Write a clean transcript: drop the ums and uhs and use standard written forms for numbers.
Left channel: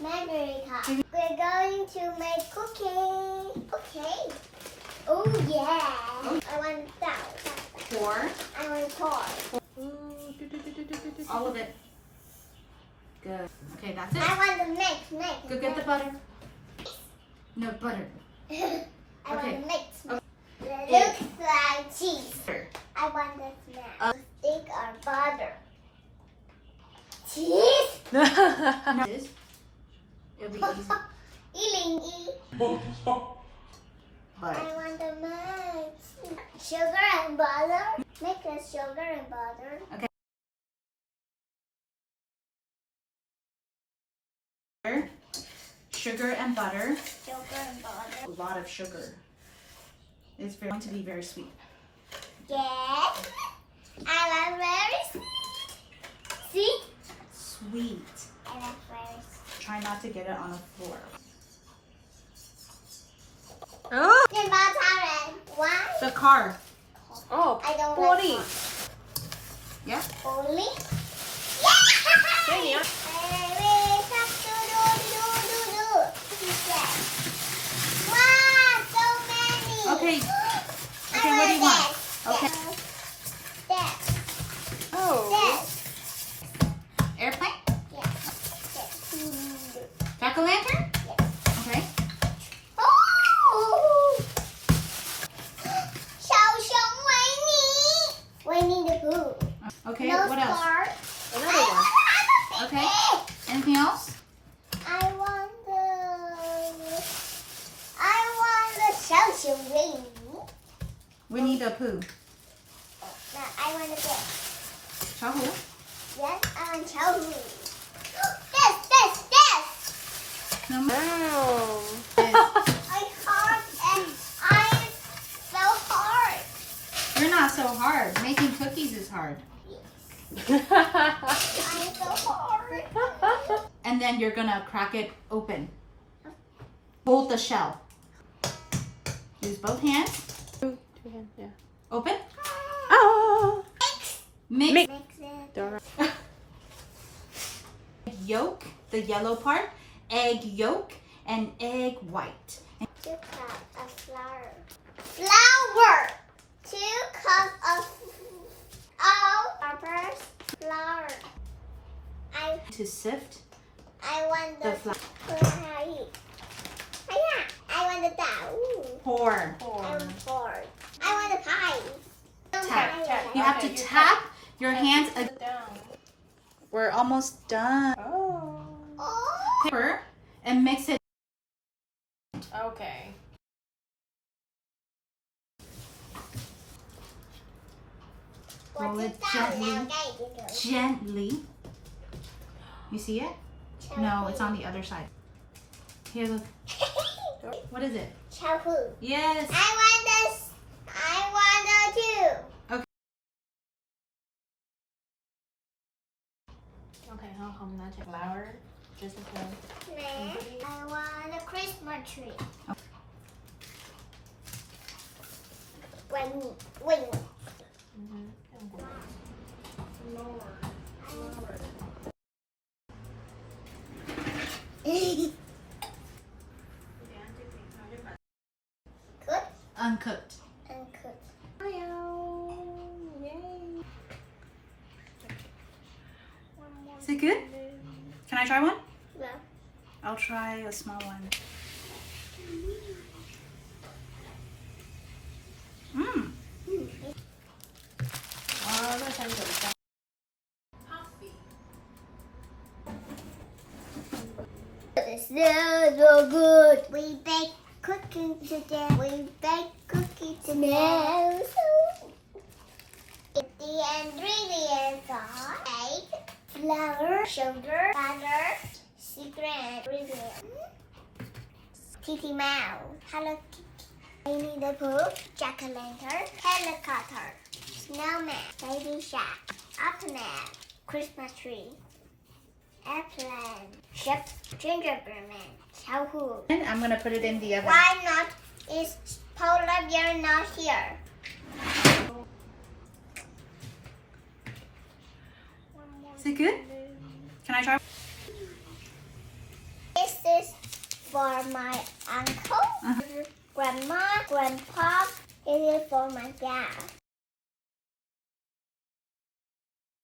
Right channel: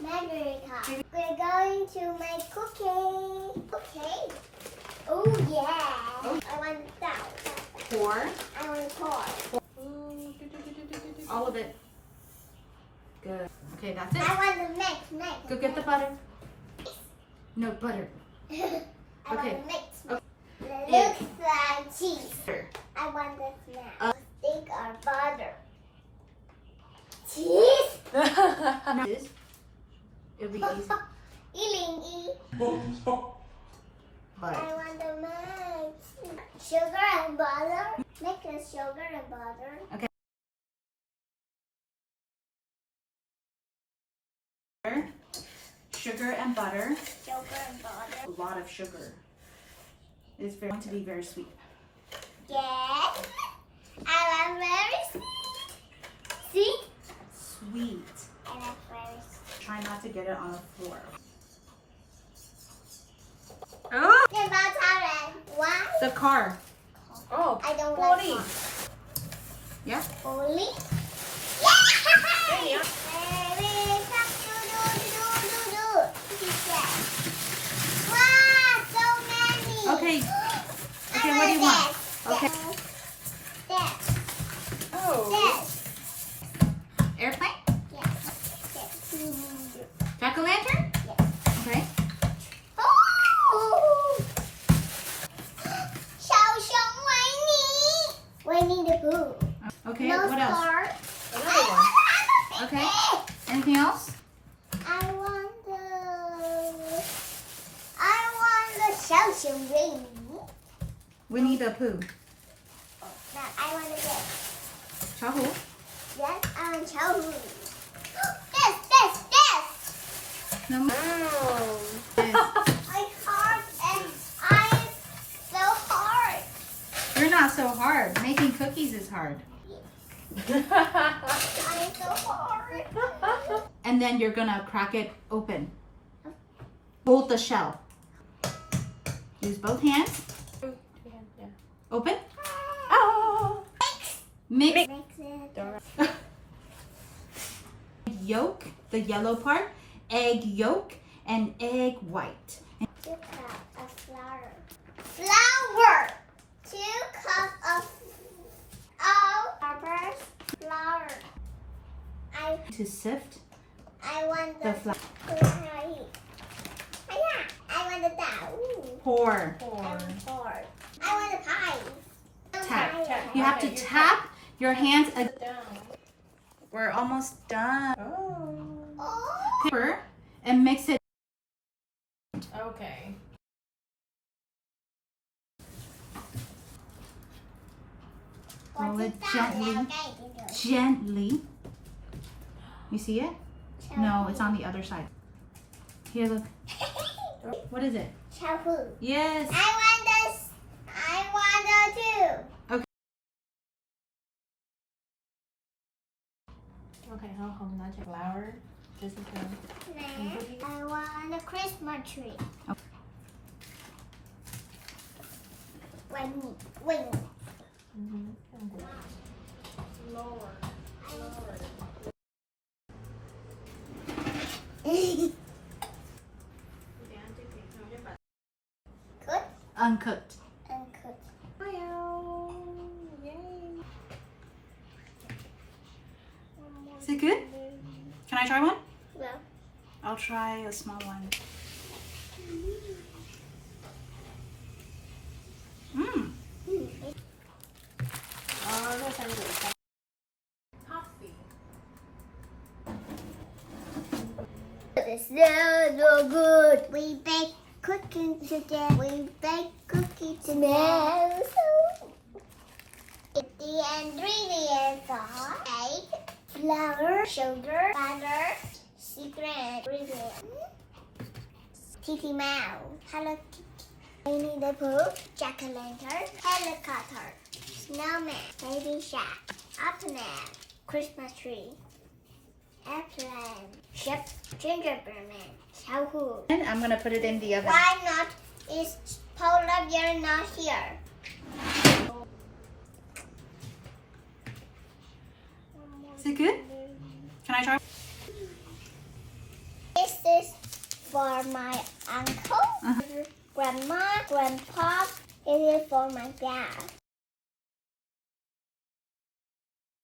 Margarita. We're going to make cookie. Okay. Oh yeah. I want that. Pour. I want to pour. All of it. Good. Okay, that's it. I want to mix. Go get the butter. No, butter. I want Okay. to mix. Okay. It looks like cheese. Sure. I want the snack. Stick or butter. Cheese. No. It'll be easy. But I want to mix sugar and butter. Make a sugar and butter. okay. Sugar and butter. Sugar and butter. A lot of sugar. It's going to be very sweet. Yes. I love very sweet. See? Sweet. I love very sweet. Try not to get it on the floor. Oh. Why? The car. Oh, I don't like Oli. cars. Yeah. Oli? Hey, Yeah! Baby shark, do. He said. Wow, so many. Okay. I Okay, what do you want? this. Okay. This. Oh. This. Airplane? Yes. This. Jack-o'-lantern? Yes. Okay. Oh! 小熊维尼 Winnie the Pooh. Okay, No what else? star. Another one. Okay. Anything else? I want the 小熊维尼. Winnie the Pooh. Oh, no, I want this. 小虎? Yes, I want 小虎. This. No more. Oh. I hard and I'm so hard. You're not so hard. Making cookies is hard. I'm so hard. And then you're gonna crack it open. Hold the shell. Use both hands. Open. Ah. Mix Mix it. yolk, the yellow part, egg yolk, and egg white. 2 cups of flour. Flour. 2 cups of peppers. Flour. To sift I want the the flour. I want the dough. Pour. I want pork. I want the pie. Tap. You have to tap your hands. Sit down. We're almost done. Oh. Oh. Pepper and mix it. Okay. Roll it gently. Gently. You see it? No, it's on the other side. Here, look. What is it? Shampoo. Yes. I want this. I want the two. Okay, I'm gonna take flour. Just in case. I want a Christmas tree. Wing. Lower. Good Uncooked. and good. Yay. Is it good? Can I try one? No. I'll try a small one. Mmm. Oh, that's interesting. Coffee. It's so good. We bake cookies today. We bake cookies today. The ingredients are egg, flour, sugar, butter, secret ingredient. Kitty Mouse, Hello Kitty, Winnie the Pooh, Jack-o'-lantern, helicopter, snowman, baby shark, Optimus, Christmas tree, airplane, ship, gingerbread man, 小虎. And I'm gonna put it in the oven. Why not? Is polar bear not here? Is it good? Can I try? for my uncle, grandma, grandpa. This is for my dad.